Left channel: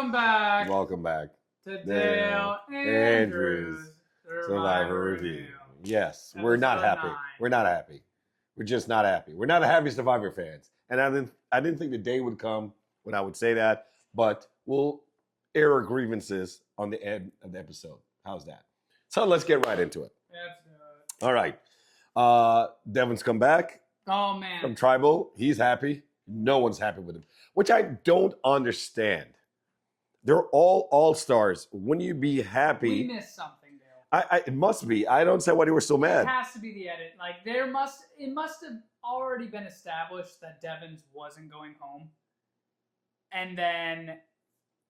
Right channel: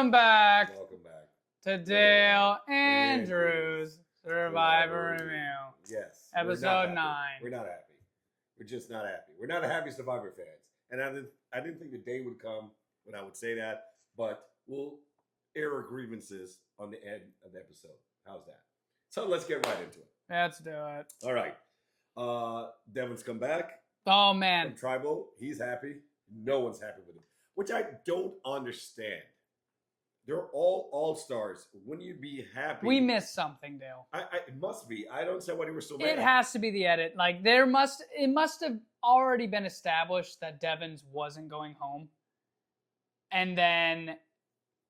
Welcome back to Dale Andrews Survivor Review. Yes, we're not Episode happy. 9. We're not happy. We're just not happy. We're not happy Survivor fans. And I didn't think the day would come when I would say that, but we'll air our grievances on the end of the episode. How's that? So let's get right into it. Let's do it. All right. Devin's come back Oh, man. from Tribal. He's happy. No one's happy with him, which I don't understand. They're all stars. Wouldn't you be happy? We missed something, Dale. It must be. I don't say why they were so mad. It has to be the edit. Like, it must have already been established that Devins wasn't going home. And then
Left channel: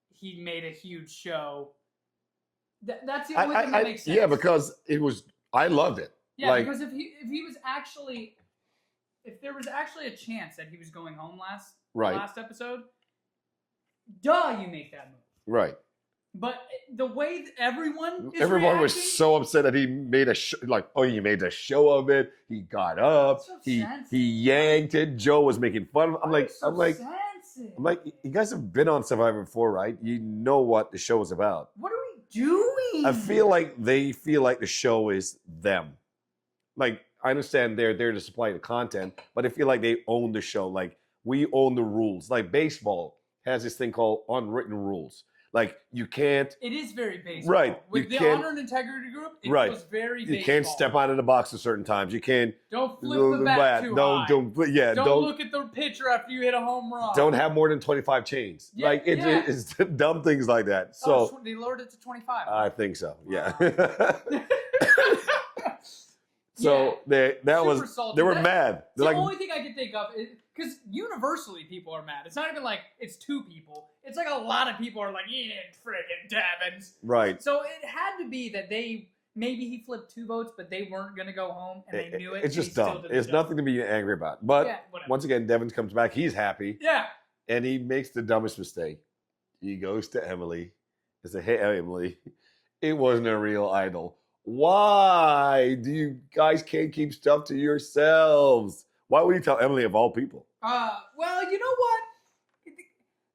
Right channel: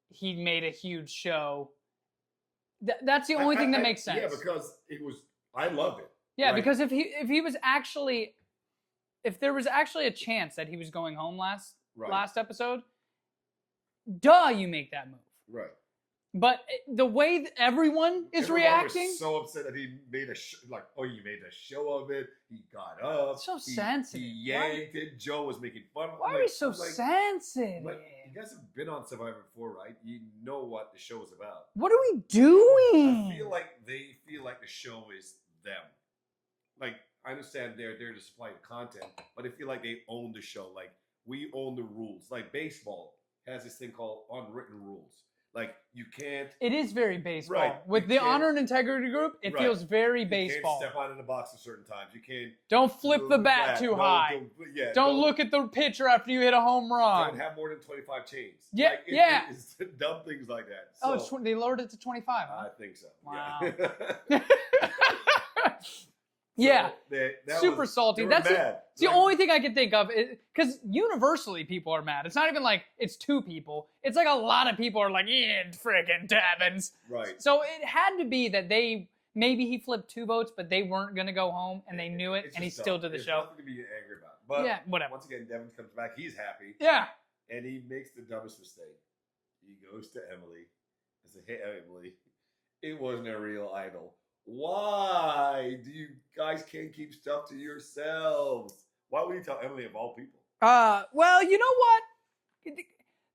he made a huge show. That's the only thing that makes sense. Yeah, because I loved it. Yeah, because if there was actually a chance that he was going home last episode, you make that move. Right. But the way that everyone was so upset that he made you made a show of it. He got up. So he sensitive. He yanked it. Joe was making fun of him. I'm sensitive. I'm like, you guys have been on Survivor before, right? You know what the show is about. What are we doing? I feel like they feel like the show is them. Like, I understand they're there to supply the content, but I feel like they own the show. Like, we own the rules. Like, baseball has this thing called unwritten rules. Like, you can't... It is very baseball. Right. With the Honor and Integrity Group, it feels very baseball. You can't step out of the box at certain times. You can't... Don't flip the bat too high. Don't look at the pitcher after you hit a home run. Don't have more than 25 chains. Yeah, it's dumb things like that. So they lowered it to 25. I think so, wow. yeah. Yeah, super salty. They were mad. The only thing I can think of is because universally people are mad. It's not even like it's two people. It's like a lot of people are like, yeah, friggin' Devins. Right. So it had to be that maybe he flipped 2 votes, but they weren't going to go home and they knew it. It's and just he dumb. Still did the It's show. nothing to be angry about. But whatever. Once again, Devin comes back. He's happy. Yeah. And he makes the dumbest mistake. He goes to Emily and says, hey, Emily, it wasn't a real idol. Why do you guys can't keep stuff to yourselves? Why would you tell Emily of all people? Well, you know what?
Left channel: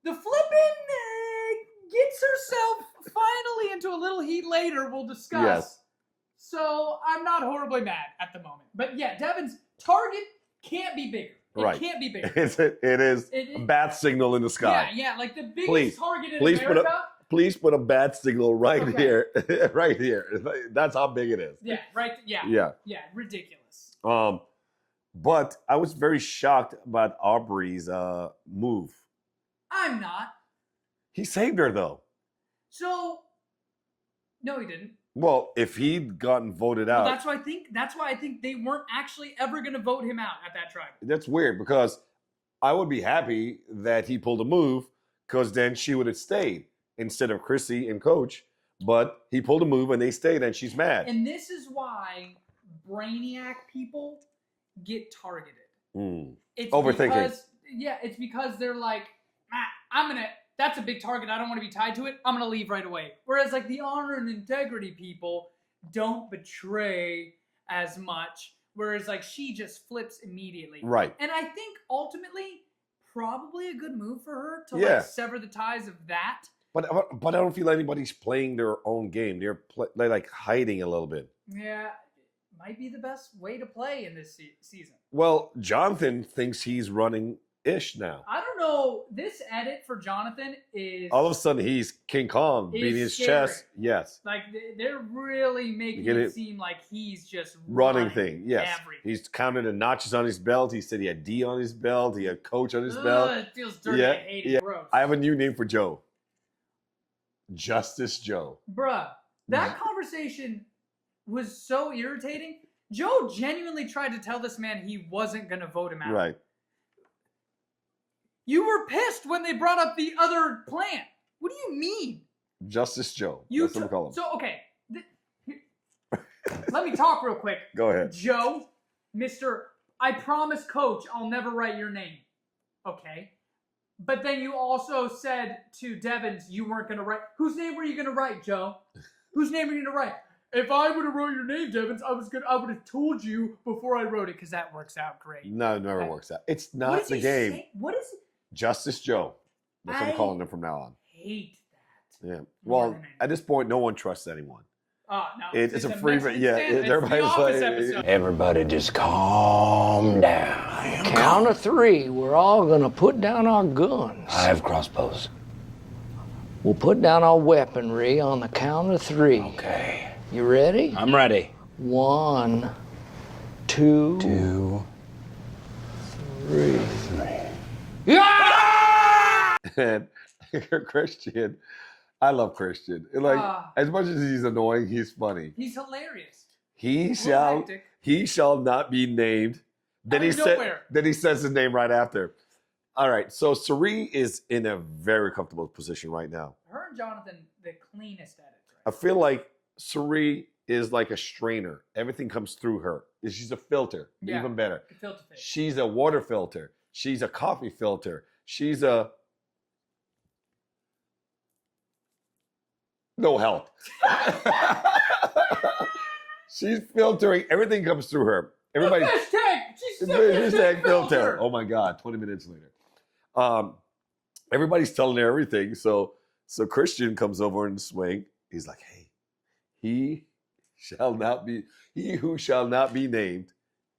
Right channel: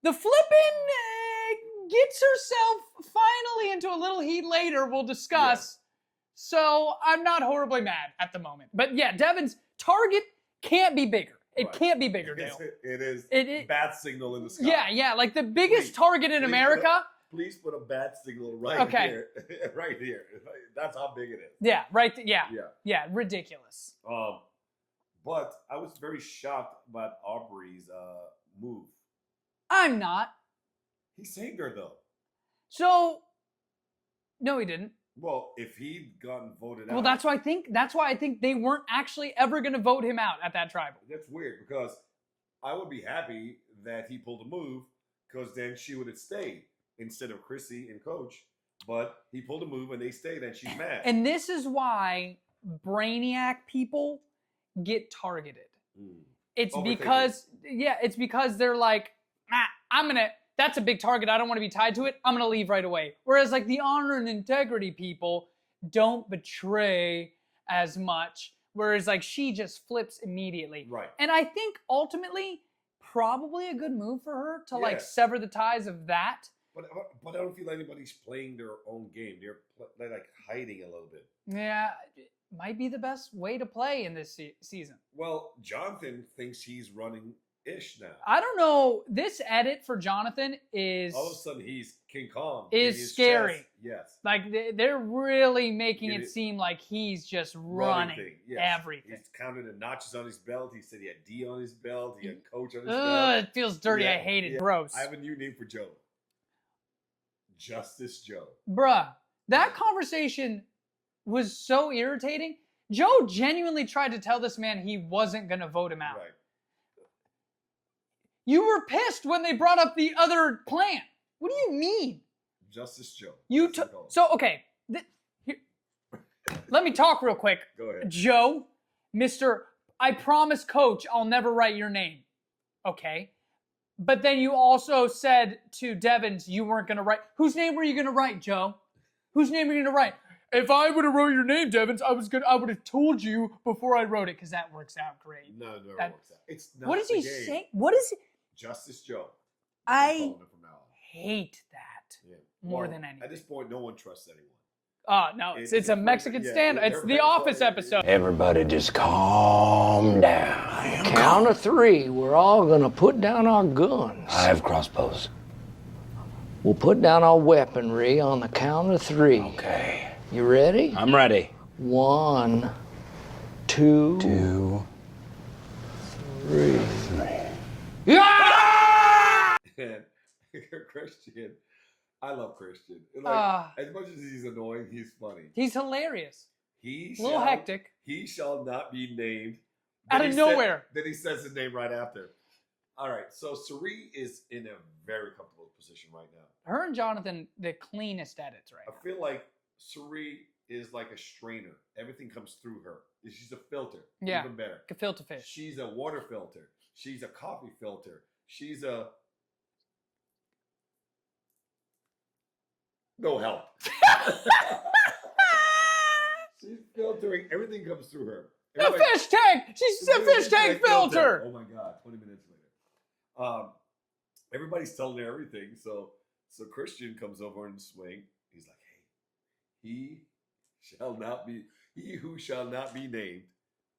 The flippin' gets herself finally into a little heat later. We'll discuss. Yes. So I'm not horribly mad at the moment. But yeah, Devin's target can't be bigger. It can't be bigger. It is a bat signal in the sky. Yeah, like the biggest target in America. Please put a bat signal right here. Right here. That's how big it is. Yeah, right. Yeah, ridiculous. But I was very shocked about Aubrey's move. I'm not. He saved her, though. So, no, he didn't. Well, if he'd gotten voted out. Well, that's why I think they weren't actually ever going to vote him out at that tribal. That's weird because I would be happy that he pulled a move because then she would have stayed instead of Chrissy and Coach. But he pulled a move and they stayed and she's mad. And this is why Brainiac people get targeted. It's because they're like, that's a big target. I don't want to be tied to it. I'm going to leave right away. Whereas like the honor and integrity people don't betray as much. Whereas like she just flips immediately. Right. And I think ultimately probably a good move for her to like sever the ties of that. But I don't feel anybody's playing their own game. They're like hiding a little bit. Yeah, it might be the best way to play in this season. Well, Jonathan thinks he's running-ish now. I don't know. This edit for Jonathan is... All of a sudden, he's King Kong beating his scary. chest. Yes. Like, they're really making it seem like he's just running thing. Yes. Everything. He's counted the notches on his belt. He said he had D on his belt. He had Coach on his belt. It feels dirty. I hate it. Gross. I have a new name for Joe. Justice Joe. Bruh, that conversation was so irritating. Joe genuinely tried to tell this man he wasn't going to vote him out. Right. You were pissed when they brought up the other plan. What do you mean? Justice Joe. That's what we call him. So, okay. Let me talk real quick. Go ahead. Joe, Mr. I promise, Coach, I'll never write your name. Okay. But then you also said to Devins you weren't going to write. Whose name were you going to write, Joe? Whose name were you going to write? If I would have wrote your name, Devins, I would have told you before I wrote it because that works out great. No, it never works out. It's not the game. What is it? Justice Joe. That's what I'm calling them from now on. Hate that. Yeah. More Well, than anything. at this point, no one trusts anyone. Oh, no. It's a free- Mexican yeah, stand. It's the everybody's Office like- episode. Everybody just calm down. Count of 3, we're all gonna put down our guns. I have crossbows. We'll put down our weaponry on the count of 3. Okay. You ready? I'm ready. 1, 2, 2, 3. 3. Yeah! And Christian, I love Christian. Like as much as he's annoying, he's funny. He's hilarious. He A little shall hectic. he shall not be named. Out of nowhere. Then he says his name right after. All right, so Sari is in a very comfortable position right now. Her and Jonathan, the cleanest edits, I right? feel like Sari is like a strainer. Everything comes through her. She's a filter. Yeah. Even better. Gefilte fish. She's a water filter. She's a coffee filter. She's a no help. She's filtering. Everything comes through her. The fish tank! She's a fish tank filter! Oh my God, 20 minutes later. Everybody's telling her everything. So Christian comes over in the swing. He's like, hey, he who shall not be named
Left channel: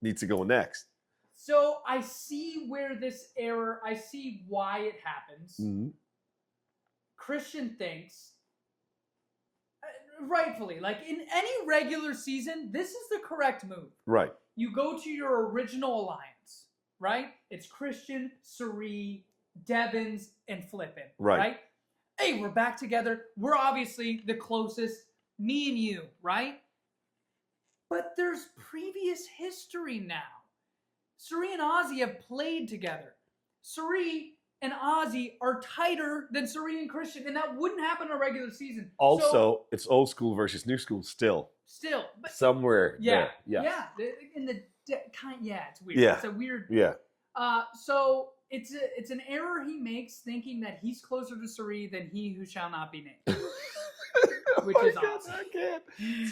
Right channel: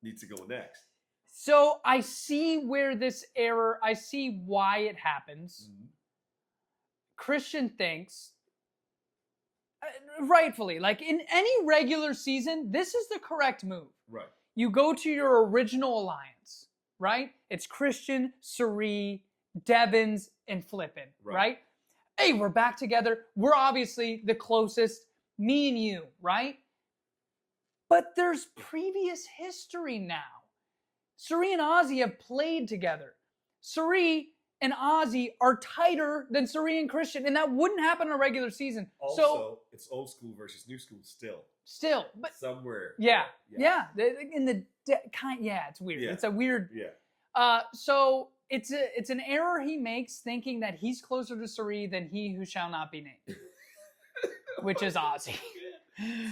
needs to go next. So I see where this error, I see why it happens. Mm-hmm. Christian thinks, rightfully, like in any regular season, this is the correct move. Right. You go to your original alliance, right? It's Christian, Sari, Devins, and Flippin, right? Hey, we're back together. We're obviously the closest, me and you, right? But there's previous history now. Sari and Ozzy have played together. Sari and Ozzy are tighter than Sari and Christian, and that wouldn't happen in a regular season. Also, So, it's old school versus new school still. but Somewhere. yeah, there. yeah. In the yeah, it's weird. Yeah. It's a weird. Yeah. So it's an error he makes, thinking that he's closer to Sari than he who shall not be named, which is Ozzy.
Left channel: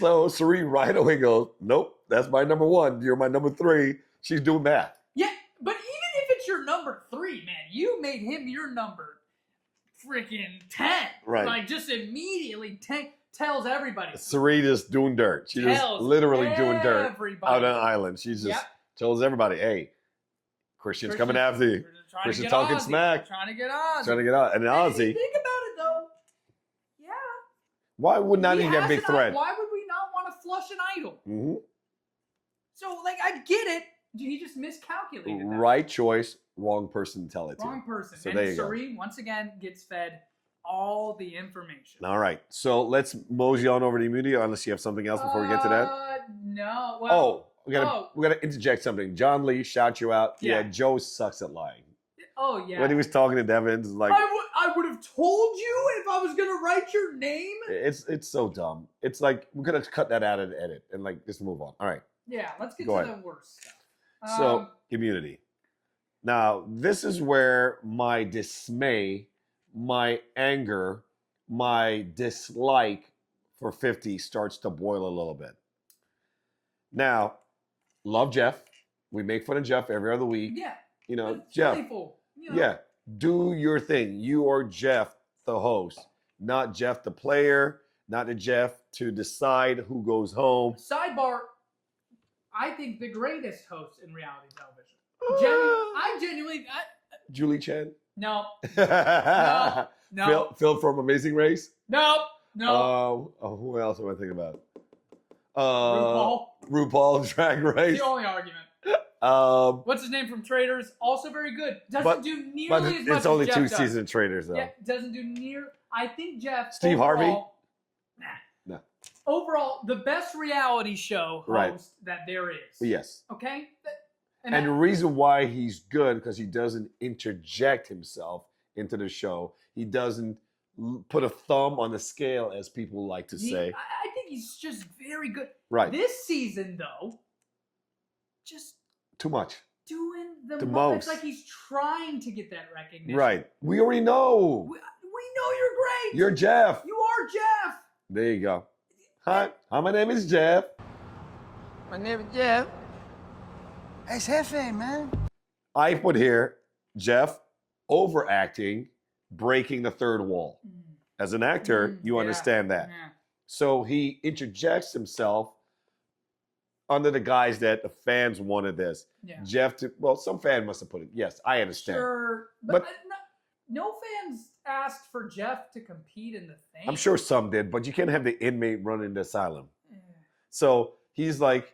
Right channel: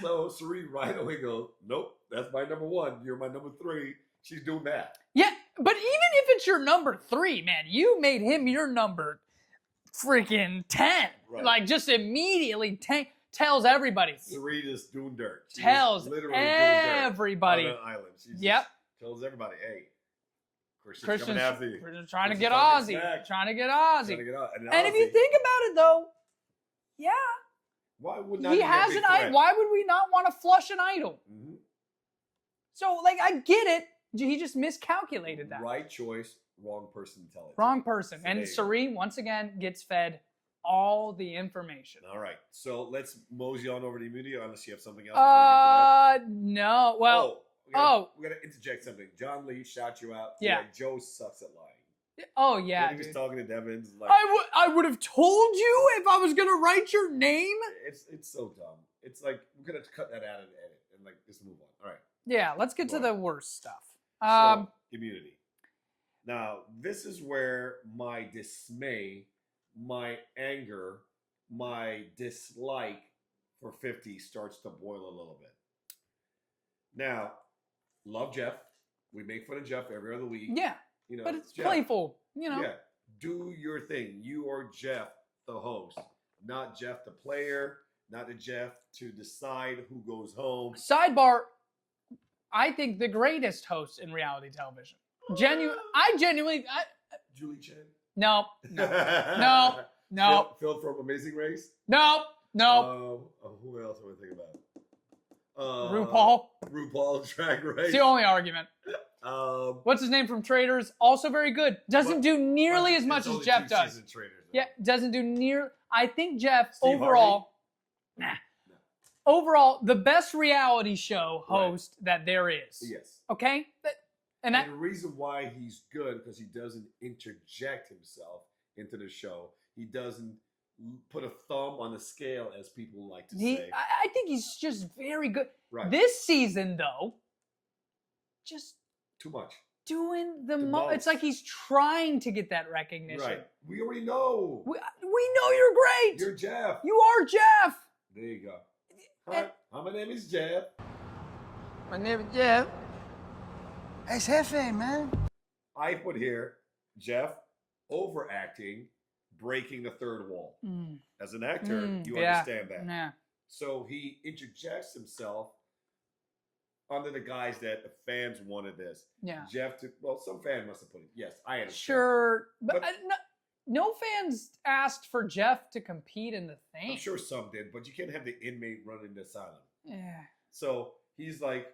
So Sari right away goes, nope, that's my number 1. You're my number 3. She's doing that. Yeah, but even if it's your number 3, man, you made him your number freaking 10. Right. Like just immediately tells everybody. Sari just doing dirt. She's Tells just literally doing dirt everybody. on an island. She just tells everybody, hey, Christian's coming after you. We're trying to Christian's get talking Ozzy. smack. Trying to get Ozzy. Trying to get out. And And if you Ozzy, think about it, though, yeah. why would not he even get has big an threat? Why would we not want to flush an idol? Mm-hmm. So, like, I get it. He just miscalculated that. Right choice, wrong person to tell it Wrong to. person. So there And you go. Sari, once again, gets fed all the information. All right. So let's mosey on over to immunity, unless you have something else before we get to that. No. Well, we gotta interject something. John Lee, shout you out. Yeah. Joe sucks at lying. oh, yeah. When he was dude. talking to Devins, like I would have told you if I was going to write your name. it's so dumb. It's like we're gonna cut that out of the edit and like just move on. All right. Yeah, let's get Go to ahead. the worst stuff. So immunity. Now this is where my dismay, my anger, my dislike for 50 starts to boil a little bit. Now, love Jeff. We make fun of Jeff every other week. yeah, You know, but it's Jeff. playful. You know. Yeah, do your thing. You are Jeff, the host, not Jeff, the player, not the Jeff to decide who goes home. Sidebar, I think the greatest host in reality television. Genuinely, Julie Chen. no, no. no, Phil from Amazing Race. no. Who else am I thinking about? RuPaul. RuPaul Drag Race. It's the only argument. What's his name from Traders? Also very good. Doesn't do nearly as much it's only as Jeff 2 does. season traders though. Yeah, doesn't do near. I think Jeff Steve overall. Harvey? Nah. No. Overall, the best reality show Right. host that there is. Yes. Okay. And the reason why he's good because he doesn't interject himself into the show. He doesn't put a thumb on the scale, as people like to say. I think he's just very good. Right. This season, though, just Too much. doing the The most. It's most. like he's trying to get that recognition. Right. We already know. We know you're great. You're Jeff. You are Jeff. There you go. Hi, my name is Jeff. My name is Jeff. It's Hefe, man. I put here Jeff overacting, breaking the third wall. Mm. As an actor, you understand that. Yeah. So he interjects himself under the guise that the fans wanted this. Yeah. Jeff, some fan must have put it. Yes, I understand. Sure, but no fans asked for Jeff to compete in the thing. I'm sure some did, but you can't have the inmate running the asylum. Yeah. So he's like,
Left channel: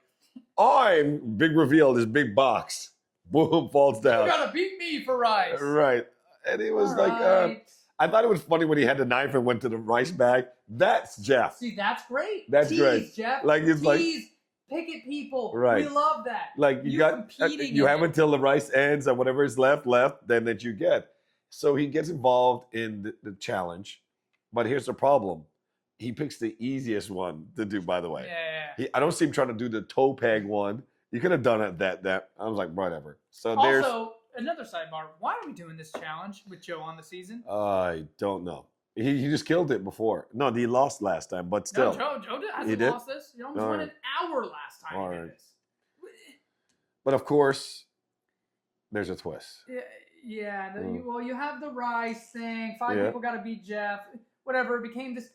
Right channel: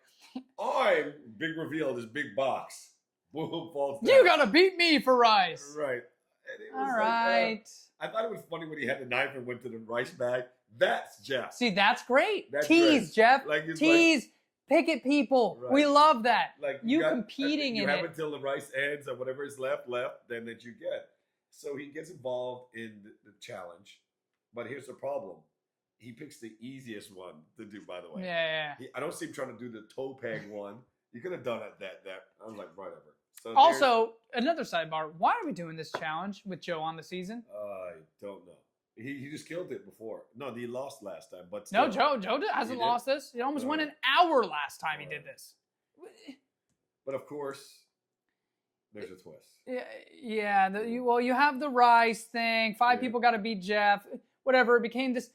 I'm big reveal, this big box. Boom, falls down. You gotta beat me for rice. Right. And it was I thought it was funny when he had the knife and went to the rice bag. That's Jeff. See, that's great. That's Tease, great. Jeff. Like, it's Tease. Picket people. Right. We love that. Like you got competing. You have until the rice ends and whatever is left, then that you get. So he gets involved in the challenge. But here's the problem. He picks the easiest one to do, by the way. Yeah. I don't see him trying to do the toe peg one. You could have done it that. I was like, whatever. So also, another sidebar. Why are we doing this challenge with Joe on the season? I don't know. He just killed it before. No, he lost last time, but still. No, Joe hasn't lost this. He almost went an hour last time he did this. But of course, there's a twist. Yeah. You have the rice thing. 5 people got to beat Jeff. Whatever. It became this.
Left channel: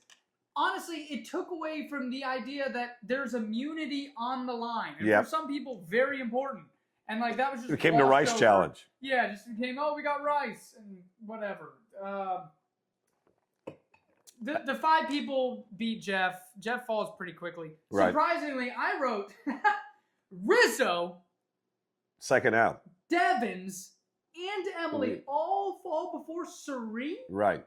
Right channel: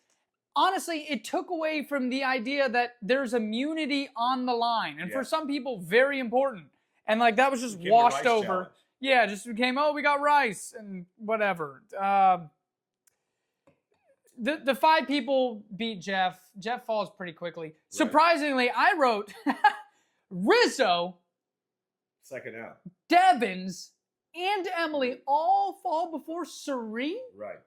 Honestly, it took away from the idea that there's immunity on the line. And for some people, very important. And like that was just became washed the rice over. challenge. Yeah, it just became, we got rice and whatever. The 5 people beat Jeff. Jeff falls pretty quickly. Right. Surprisingly, I wrote Rizzo, second out, Devins, and Emily all fall before Suri. Right.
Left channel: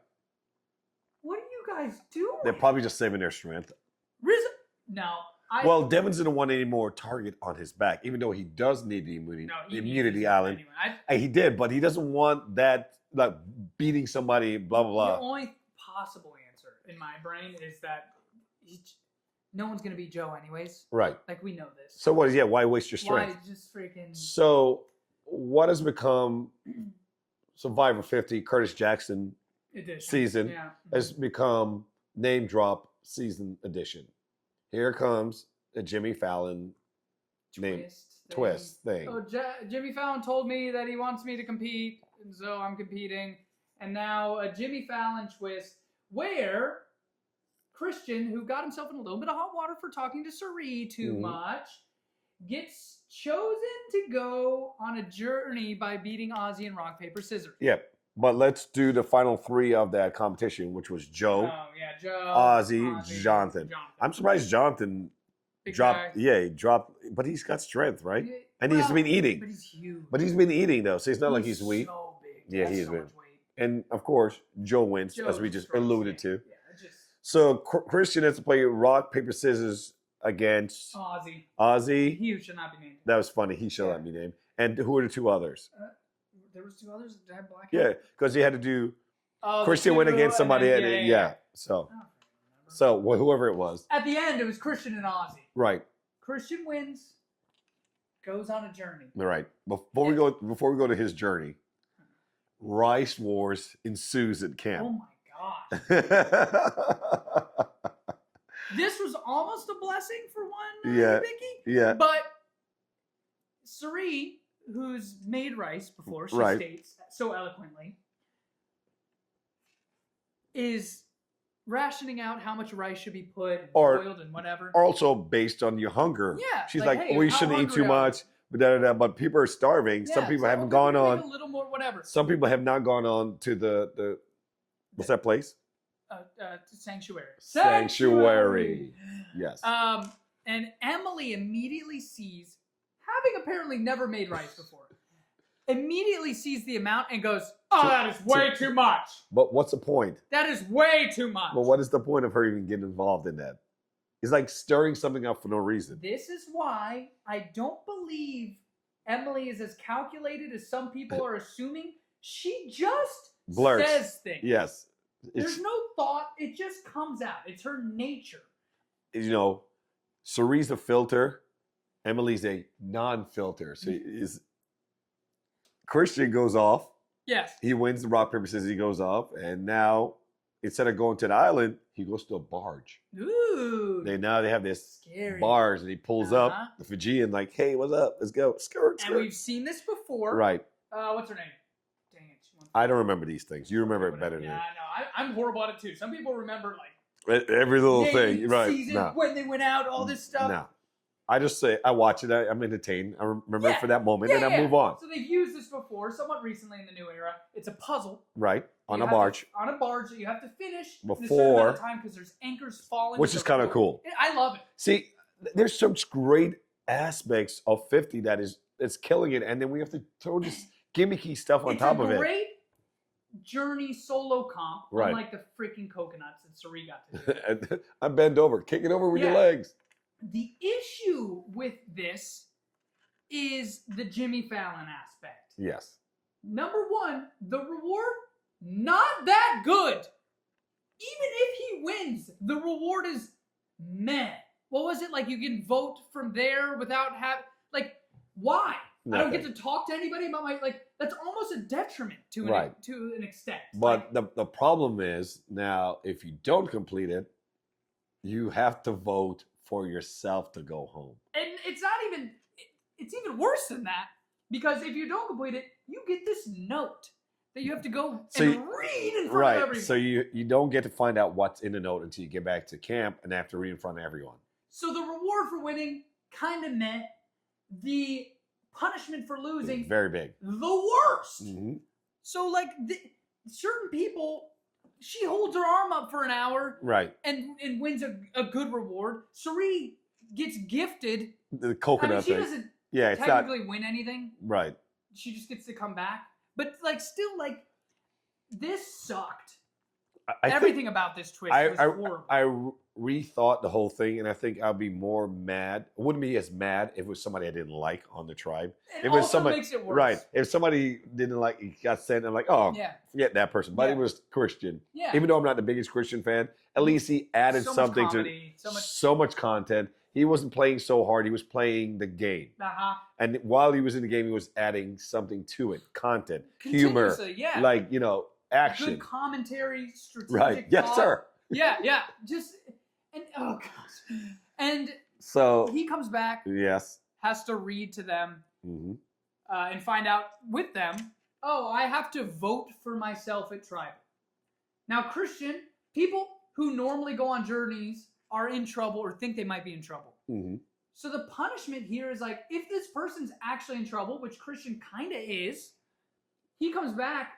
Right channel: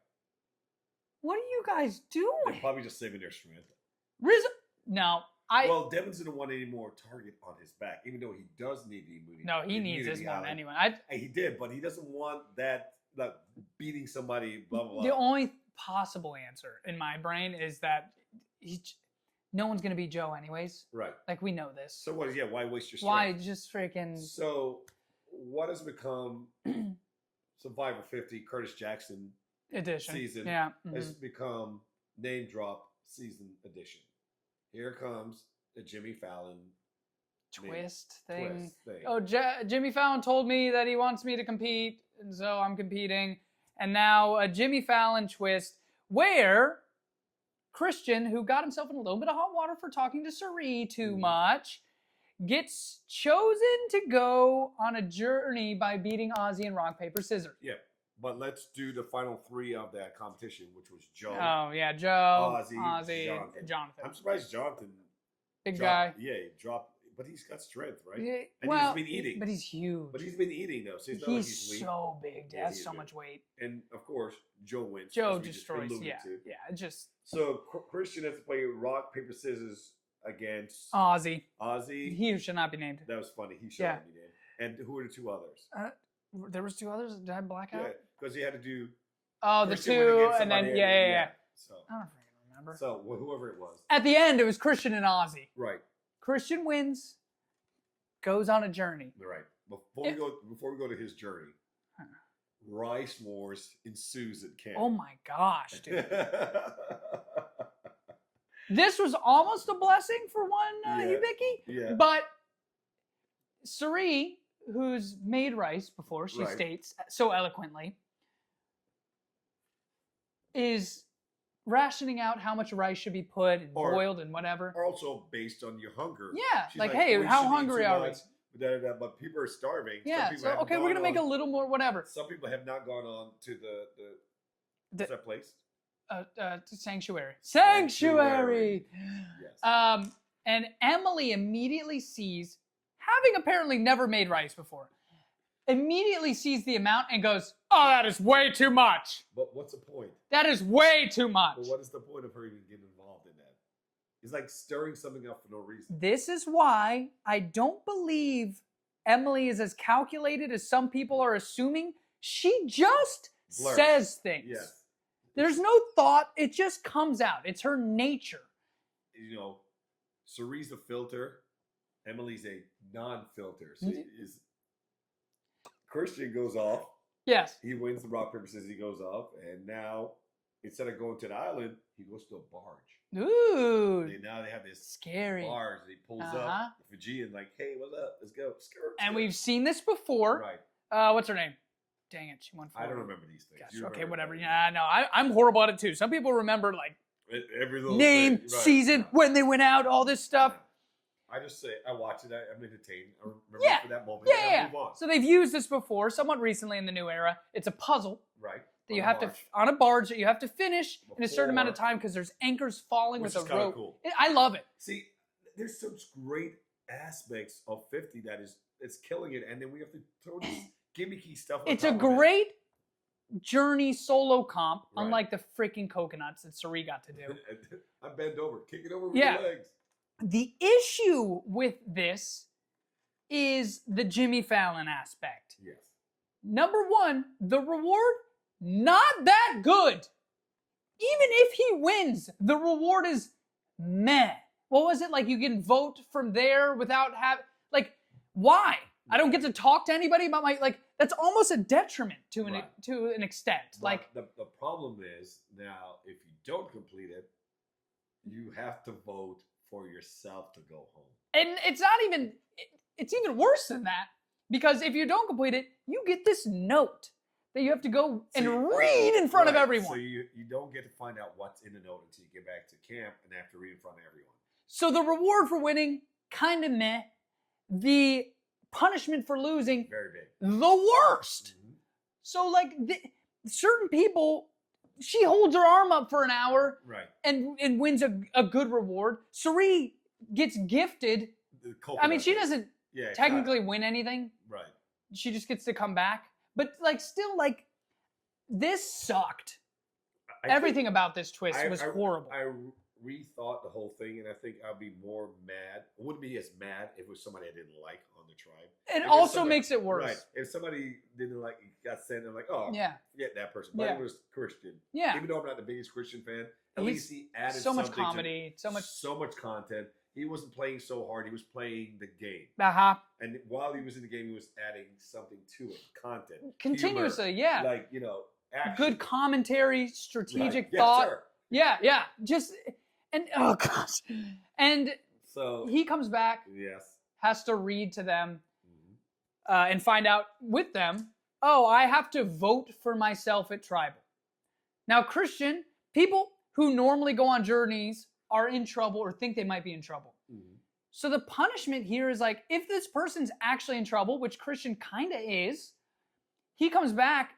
What are you guys doing? They're probably just saving their strength. Rizzo, no. Well, Devins didn't want any more target on his back, even though he does need the immunity. No, he immunity needs island. Anyway, he did, but he doesn't want that, like beating somebody. Blah blah blah. The only possible answer in my brain is that no one's gonna beat Joe anyways. Right. Like we know this. So what is? Why waste your strength? Why just freaking? So what has become Survivor 50? Curtis Jackson edition season has become name drop season edition. Here comes the Jimmy Fallon twist thing. Oh, Jimmy Fallon told me that he wants me to compete, and so I'm competing. And now a Jimmy Fallon twist where Christian, who got himself in a little bit of hot water for talking to Suri too much, gets chosen to go on a journey by beating Ozzy in rock, paper, scissors. Yep. But let's do the final 3 of that competition, which was Joe. Oh, yeah, Joe. Ozzy, Jonathan. I'm surprised Jonathan dropped. Guy. Yeah, he dropped. But he's got strength, right? Yeah, and he's been eating. But he's huge. But he's been eating, though, so it's not like he's weak. He's so big. Yeah, he's so much weight. And, of course, Joe wins, as we just alluded to. Yeah, just... So, Christian has to play rock, paper, scissors against... Ozzy. He should not be named. That was funny. He should not be named. And who are the 2 others? There was 2 others that had black hair? Yeah, because he had to do... Christian went against somebody. Yeah. So, I don't remember. So, whoever it was. At the end, it was Christian and Ozzy. Right. Christian wins, goes on a journey. Right. Before we go to his journey, Rice Wars ensues at camp. Oh my gosh, dude. This was almost a blessing for one, Vicky. Yeah. But Suri, who's made rice before, she states so eloquently, is rationing out how much rice should be put and boiled and whatever. Also based on your hunger. Yeah. She's like, hey, we shouldn't eat too much. But people are starving. Yeah, some people haven't gone on. Make a little more, whatever. Some people have not gone on to the what's that place? Sanctuary. Sanctuary. Yes. And Emily immediately sees, having apparently never made rice before, immediately sees the amount and goes, that is way too much. But what's the point? That is way too much. But what is the point of her even getting involved in that? It's like stirring something up for no reason. This is why I don't believe Emily is as calculated as some people are assuming. She just says things. Yes. There's no thought. It just comes out. It's her nature. You know, Suri's a filter. Emily's a non-filter. So Christian goes off. Yes. He wins the rock, paper, scissors. He goes off. And now, instead of going to the island, he goes to a barge. Ooh. They have this scary barge. And he pulls up the Fijian like, hey, what's up? Let's go. Skirt. And we've seen this before. Right. What's her name? Dang it, she won. I don't remember these things. Gosh, You remember okay, it better whatever. than Yeah, no, I'm horrible at it too. Some people remember like every little name, thing. Right. season, No. when they went out, all this stuff. No. I just say, I watch it, I'm entertained. I remember it for that moment, and I move on. So they've used this before, somewhat recently in the new era. It's a puzzle. Right. that On you a have to- barge. on a barge that you have to finish in a certain amount of time because there's anchors falling. Which is kind of cool. I love it. See, there's such great aspects of 50 it's killing it, and then we have to throw this gimmicky stuff on top of it. It's a great journey solo comp, Right. unlike the freaking coconuts that Suri got to do. I bend over, kick it over with your legs. The issue with this is the Jimmy Fallon aspect. Yes. Number one, the reward, not that good. Even if he wins, the reward is meh. What was it? Like you can vote from there without having, like, why? I don't get to talk to anybody about that's almost a detriment to an extent. But the problem is now, if you don't complete it, you have to vote for yourself to go home. And it's even worse than that, because if you don't complete it, you get this note that you have to go read in front of everyone. So you don't get to find out what's in the note until you get back to camp and have to read in front of everyone. So the reward for winning, kind of meh. The punishment for losing, very big. The worst. Mm-hmm. So certain people, she holds her arm up for an hour, right, and wins a good reward. Suri gets gifted the coconut. I mean, she doesn't technically win anything. Right. She just gets to come back. But still, this sucked. Everything about this twist was horrible. I rethought the whole thing, and I think I'd be more mad. I wouldn't be as mad if it was somebody I didn't like on the tribe. It also makes it worse. Right. If somebody didn't like, got sent, I'm like, oh, forget that person. But it was Christian. Yeah. Even though I'm not the biggest Christian fan, at least he added something much comedy, to so much content. He wasn't playing so hard. He was playing the game. Uh-huh. And while he was in the game, he was adding something to it. Content, humor, action. Good commentary, strategic thought. Yes, sir. Yeah. Oh gosh. And so he comes back. Yes. Has to read to them, mm-hmm. And find out with them. Oh, I have to vote for myself at tribal. Now, Christian people who normally go on journeys are in trouble or think they might be in trouble. Mm-hmm. So the punishment here is if this person's actually in trouble, which Christian kind of is, he comes back.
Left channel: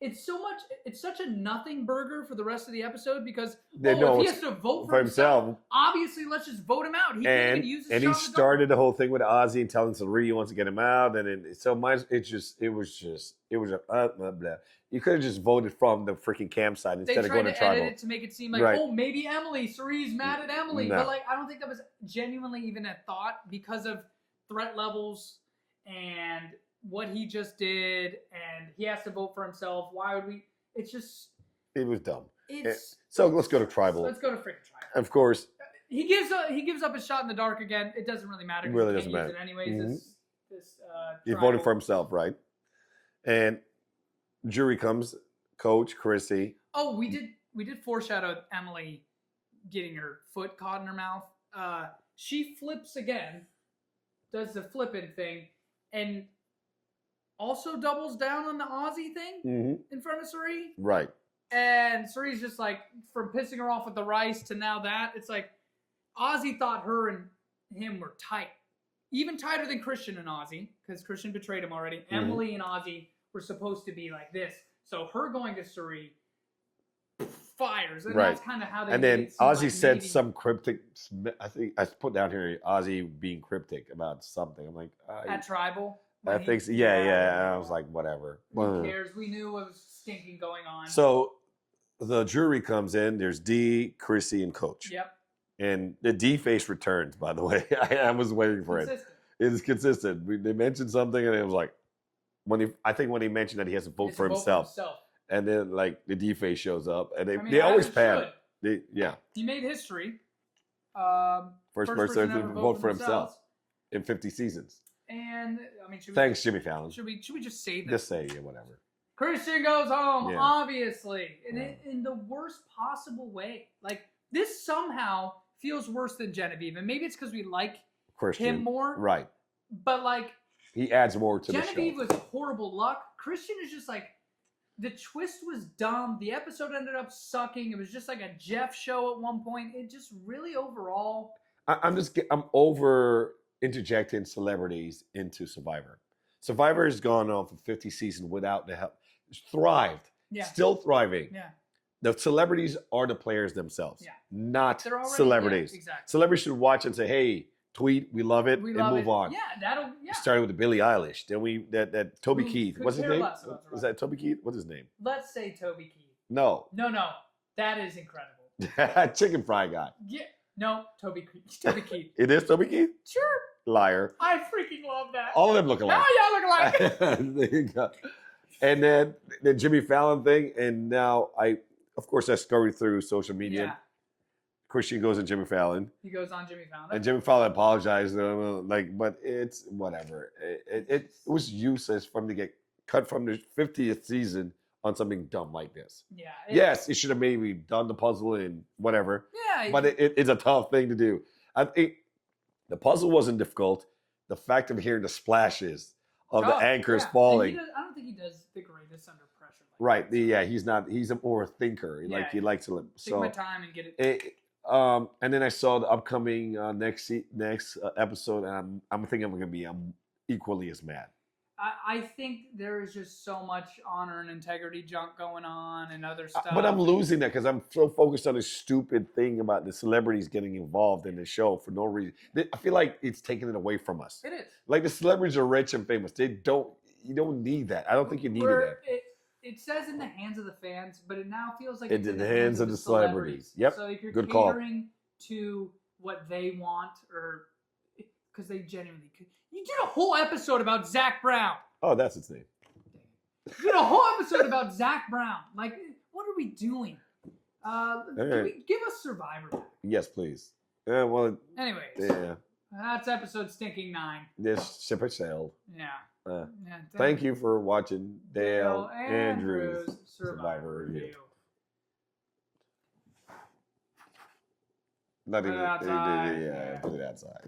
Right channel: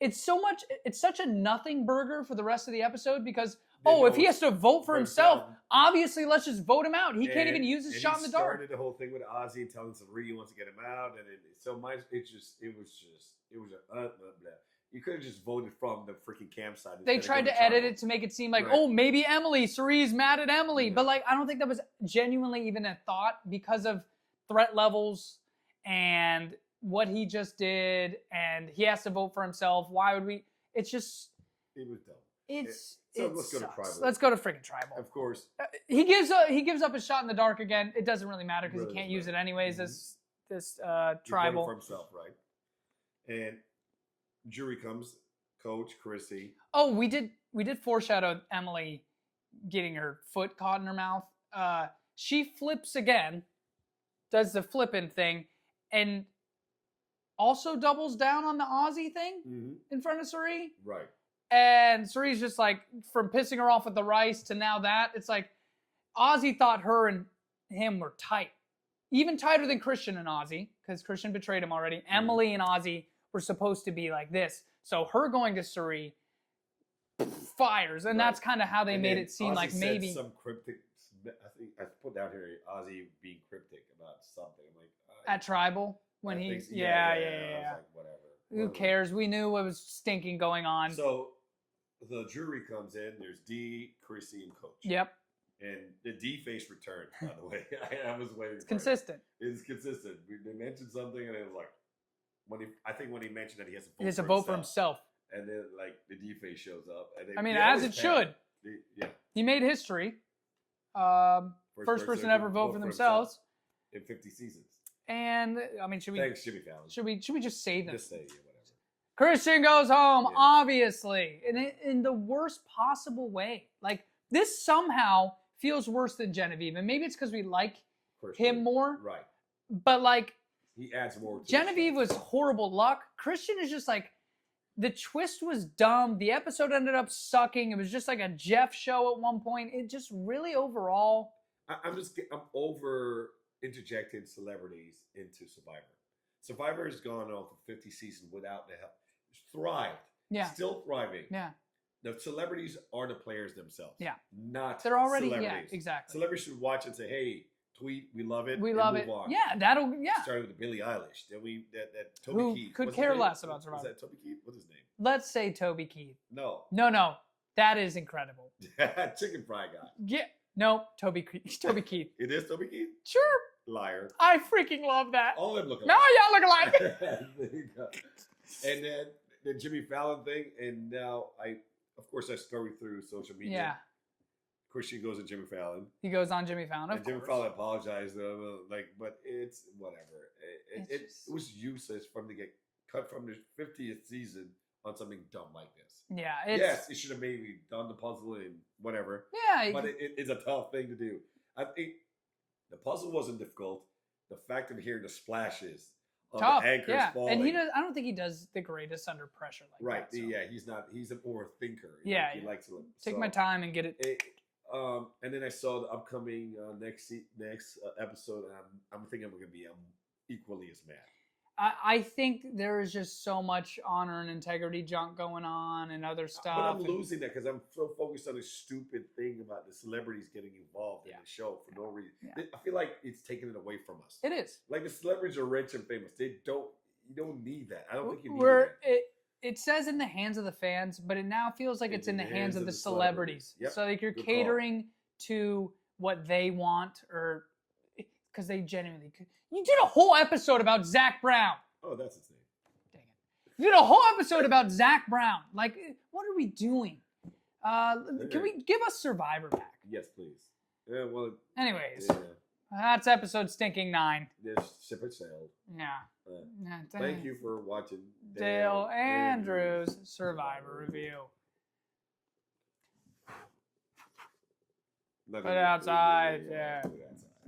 It's such a nothing burger for the rest of the episode because if he has to vote for himself, obviously let's just vote him out. He can't even use his shot. And he started the whole thing with Ozzy and telling Suri he wants to get him out, and it was blah, blah. You could have just voted from the freaking campsite instead of going to tribal. They tried to edit it to make it seem like, maybe Emily, Suri's mad at Emily. No. But I don't think that was genuinely even a thought because of threat levels and what he just did. And he has to vote for himself. Why would we? It was dumb. So let's go to tribal. Let's go to freaking tribal. Of course. He gives up his shot in the dark again. It doesn't really matter because he can't use it anyways. Mm-hmm. This tribal. He voted for himself, right? And jury comes, Coach, Chrissy. Oh, we did foreshadow Emily getting her foot caught in her mouth. She flips again, does the flipping thing, and also doubles down on the Aussie thing in front of Suri. Right. And Suri's just from pissing her off with the rice to now that. It's Aussie thought her and him were tight. Even tighter than Christian and Aussie, because Christian betrayed him already. Mm-hmm. Emily and Aussie were supposed to be like this. So her going to Suri fires. And that's kind of how they made it seem Ozzy said some cryptic, I think I put down here, Ozzy being cryptic about something. I'm like... at tribal? I think so. Yeah. I was like, whatever. Who cares? We knew what was stinking going on. So the jury comes in. There's D, Chrissy, and Coach. Yep. And the D face returns, by the way. I was waiting for consistent. It is consistent. They mentioned something, and it was like, when he mentioned that he has to vote for himself. And then the D face shows up, and they always should. He made history. First person ever vote for himself in 50 seasons. And thanks, Jimmy Fallon. Should we just say that? Just say whatever. Christian goes home, obviously, in the worst possible way. This somehow feels worse than Genevieve, and maybe it's because we like Christian. Him more, right? But He adds more to Genevieve the show. was horrible luck. Christian is just like, the twist was dumb. The episode ended up sucking. It was just like a Jeff show at one point. It just really overall. I'm over interjecting celebrities into Survivor. Survivor has gone on for 50 seasons without the help. It's thrived. Yeah. Still thriving. Yeah. The celebrities are the players themselves. Yeah. Not They're already, celebrities. Yeah, exactly. Celebrities should watch and say, hey, tweet, we love it, We and love move it. on. Yeah, We started with the Billie Eilish. Then that Toby Who Keith. could What's his care name? less about Survivor. Was that Toby Keith? What's his name? Let's say Toby Keith. No. No. That is incredible. Chicken fry guy. Yeah. No, Toby Keith. Toby Keith. It is Toby Keith? Sure. Liar. I freaking love that. All of them look alike. Oh, yeah, look alike. There you go. And then the Jimmy Fallon thing, and now of course, I scurried through social media. Yeah. Christian goes on Jimmy Fallon, He goes on Jimmy Fallon. and Jimmy Fallon apologized to him, but it's whatever. It was useless for him to get cut from the 50th season on something dumb like this. Yeah. Yes, he should have maybe done the puzzle and whatever, Yeah. but it's a tough thing to do. I think the puzzle wasn't difficult. The fact of hearing the splashes of the anchors falling. And I don't think he does the greatest under pressure. Right. That, so. Yeah, he's not. He's a more thinker. Yeah, Like he likes to. Take my time and get it. And then I saw the upcoming next episode, and I'm thinking I'm going to be equally as mad. I think there is just so much honor and integrity junk going on and other stuff. But I'm losing that because I'm so focused on this stupid thing about the celebrities getting involved in the show for no reason. Yeah. I feel like it's taking it away from us. It is. Like the celebrities are rich and famous. You don't need that. I don't think you need that. It says in the hands of the fans, but it now feels like it's in the hands of the celebrities. celebrities. Yep. So like you're Good call. catering to what they want, or because they genuinely could. You did a whole episode about Zach Brown. Oh, that's its name. Dang it. You did a whole episode about Zach Brown. Like, what are we doing? Can we give us Survivor back? Yes, please. Yeah, well, Anyways, yeah. that's episode stinking 9. This ship has sailed. Yeah. Yeah, Thank you for watching Dale Andrews Survivor Review. Put it outside. Yeah, put it outside.